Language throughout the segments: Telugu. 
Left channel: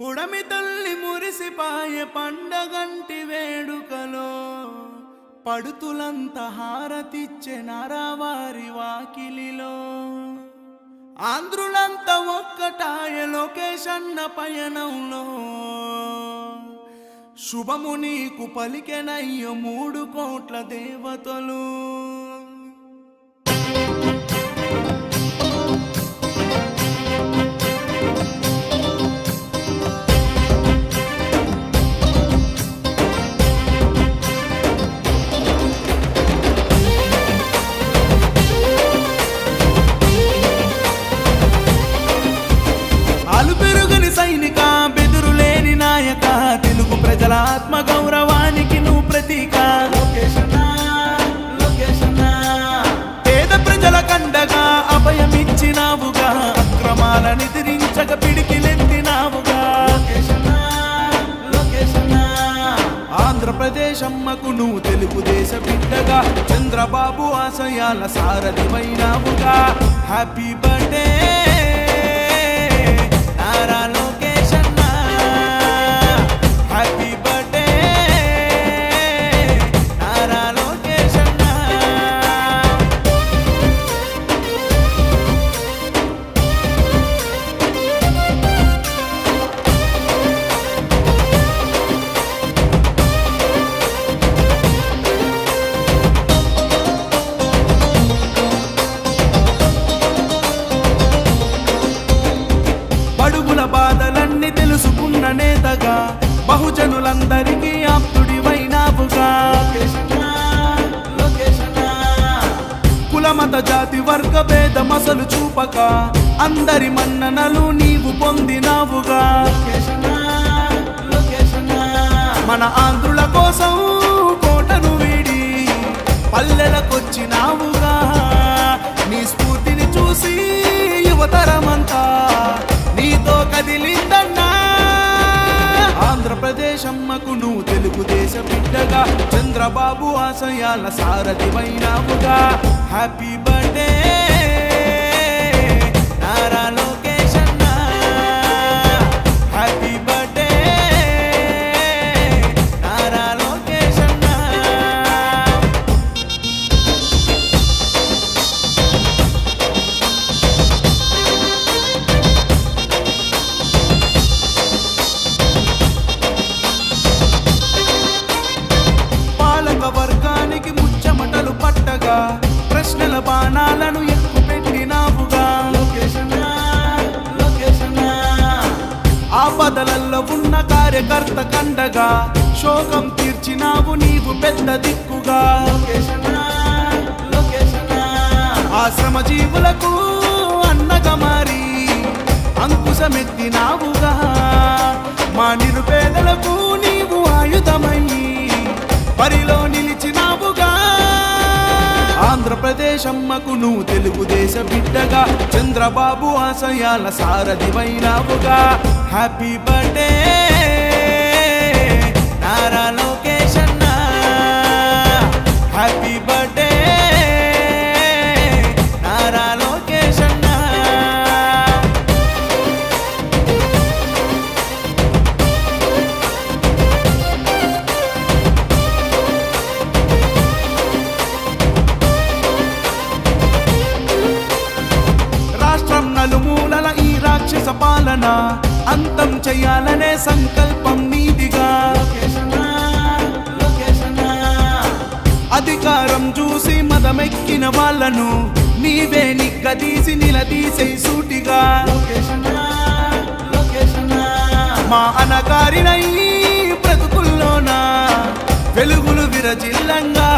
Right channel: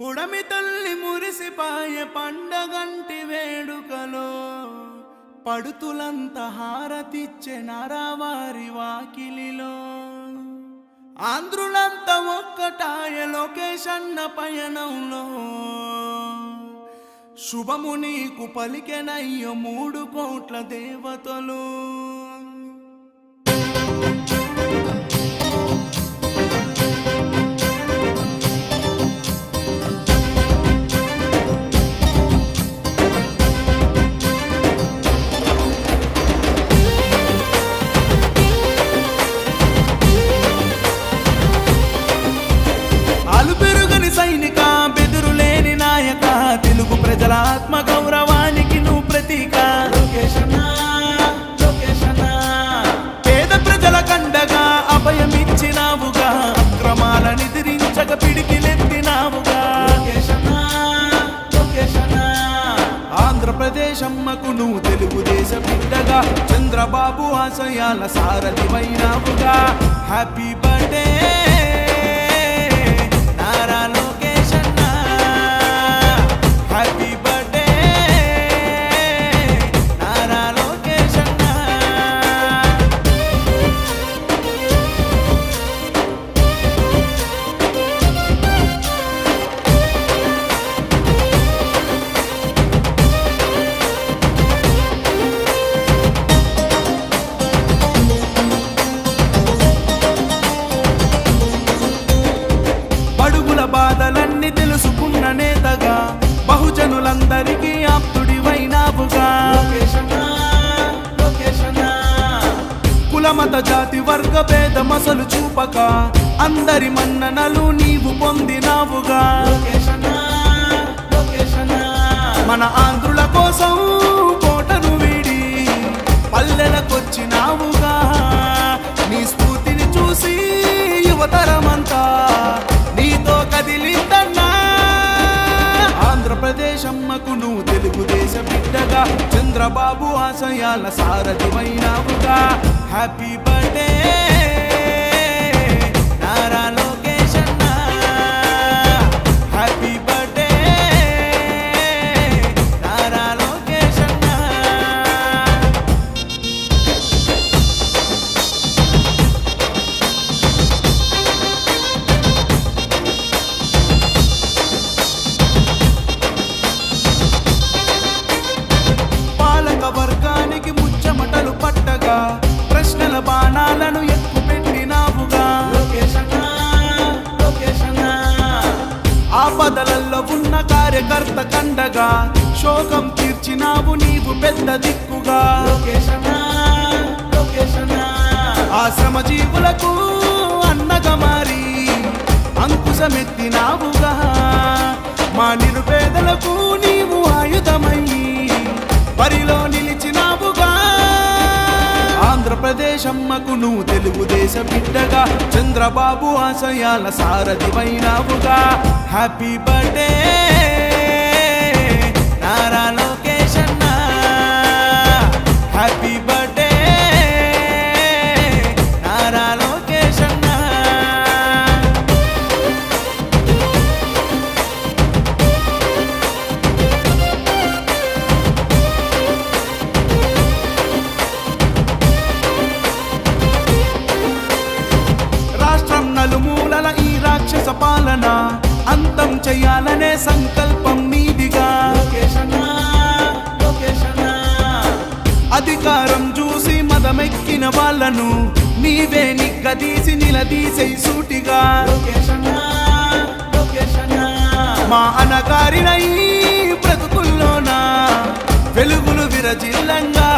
పుడమి తల్లి మురిసిపాయె పండగంటి వేడుకలో పడుతులంత హారతిచ్చే నరవారి వాకిలిలో ఆంధ్రులంత ఒక్కటాయ లోకేశన్న పయనంలో శుభము నీకు పలికెనయ్య 3 కోట్ల దేవతలు. అలుపెరుగని సైనిక, బెదురులేని నాయక, తెలుగు ప్రజల ఆత్మ గౌరవానికి నువ్వు ప్రతీక. పేద ప్రజల కండగా అభయమిచ్చినావుగా, అక్రమాల నిద్రించక పిడికిలెత్తినావుగా. ఆంధ్రప్రదేశ్ అమ్మకు నువ్వు తెలుగుదేశ బిడ్డగా, చంద్రబాబు ఆశయాల సారథివైనావుగా. హ్యాపీ బర్త్డే నారా లోకేష్ అన్న, హ్యాపీ బర్త్డే నారా లోకేష్ అన్న. బడుగుల బాధలన్నీ తెలుసుకున్న నేతగా, బహుజనులందరికీ ఆప్తుడివైనావుగా. కులమత జాతి వర్గ భేదమసలు చూపక, అందరి మన్ననలు నీవు పొందినావుగా. మన ఆంధ్రుల కోసం కోటను వీడి పల్లెలకొచ్చినావుగా. నీ స్ఫూర్తిని చూసి యువతరమంతా నీతో కదిలిందన్నా. ఆంధ్రప్రదేశ్ అమ్మకు నువ్వు తెలుగుదేశ బిడ్డగా, చంద్రబాబు ఆశయాల సారథివైనావుగా. హ్యాపీ బర్త్డే నారా లోకేష్ అన్న, హ్యాపీ బర్త్డే నారా లోకేష్ అన్న. వర్గానికి ముచ్చమటలు పట్టగా, ప్రశ్నల బాణాలను ఎక్కుపెట్టినావుగా. ఆపదలలో ఉన్న కార్యకర్త కండగా, శోకం తీర్చినావు నీవు పెద్ద దిక్కుగా. ఆశ్రమ జీవులకు అన్నగా మారి అంకుశమెత్తినావుగా. మా నిరుపేదలకు నీవు ఆయుధమయ్యి పరిలో నిలిచినావుగా. ఆంధ్రప్రదేశ్ అమ్మకు నువ్వు తెలుగుదేశ బిడ్డగా, చంద్రబాబు ఆశయాల సారథివైనావుగా. హ్యాపీ బర్త్డే నారా లోకేష్ అన్న, హ్యాపీ బర్త్డే నారా లోకేష్ అన్న. రాష్ట్రం నలుమూలల ఈ రాక్షస పాలన అంతం చెయ్యాలనే సంకల్పం నీదిగా. అధికారం చూసి మదమెక్కిన వాళ్ళను నీవే నిగ్గదీసి నిలదీసే సూటిగా. మా అనగారినై బ్రతుకుల్లోన వెలుగులు విరజిల్లంగా,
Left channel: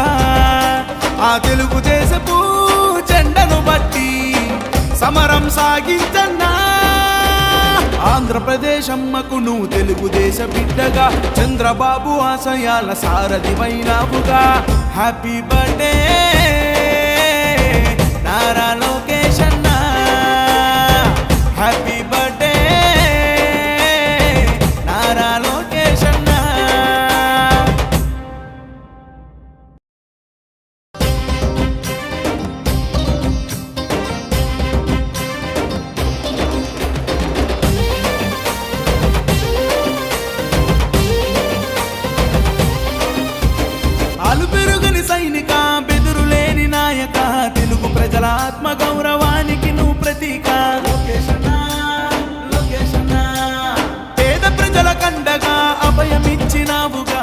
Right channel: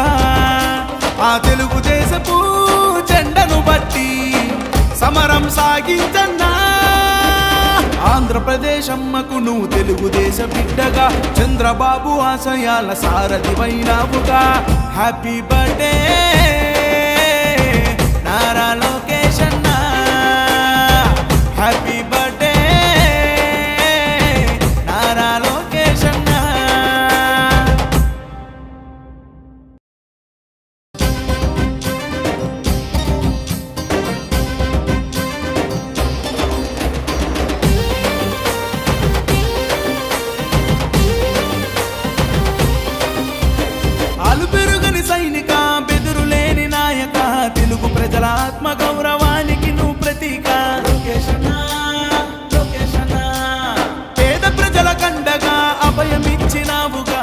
ఆ తెలుగుదేశపు జెండను బట్టి సమరం సాగించన్నా. ఆంధ్రప్రదేశ్ అమ్మకు నువ్వు తెలుగుదేశ బిడ్డగా, చంద్రబాబు ఆశయాల సారథివైనావుగా. హ్యాపీ బర్త్డే నారా లోకేష్ అన్న, హ్యాపీ బర్త్డే నారా లోకేష్ అన్న. సైనిక బెదురులేని నాయక తెలుగు ప్రజల ఆత్మ గౌరవానికి నువ్వు ప్రతీక పేద ప్రజల కండగా అభయమిచ్చినావుగా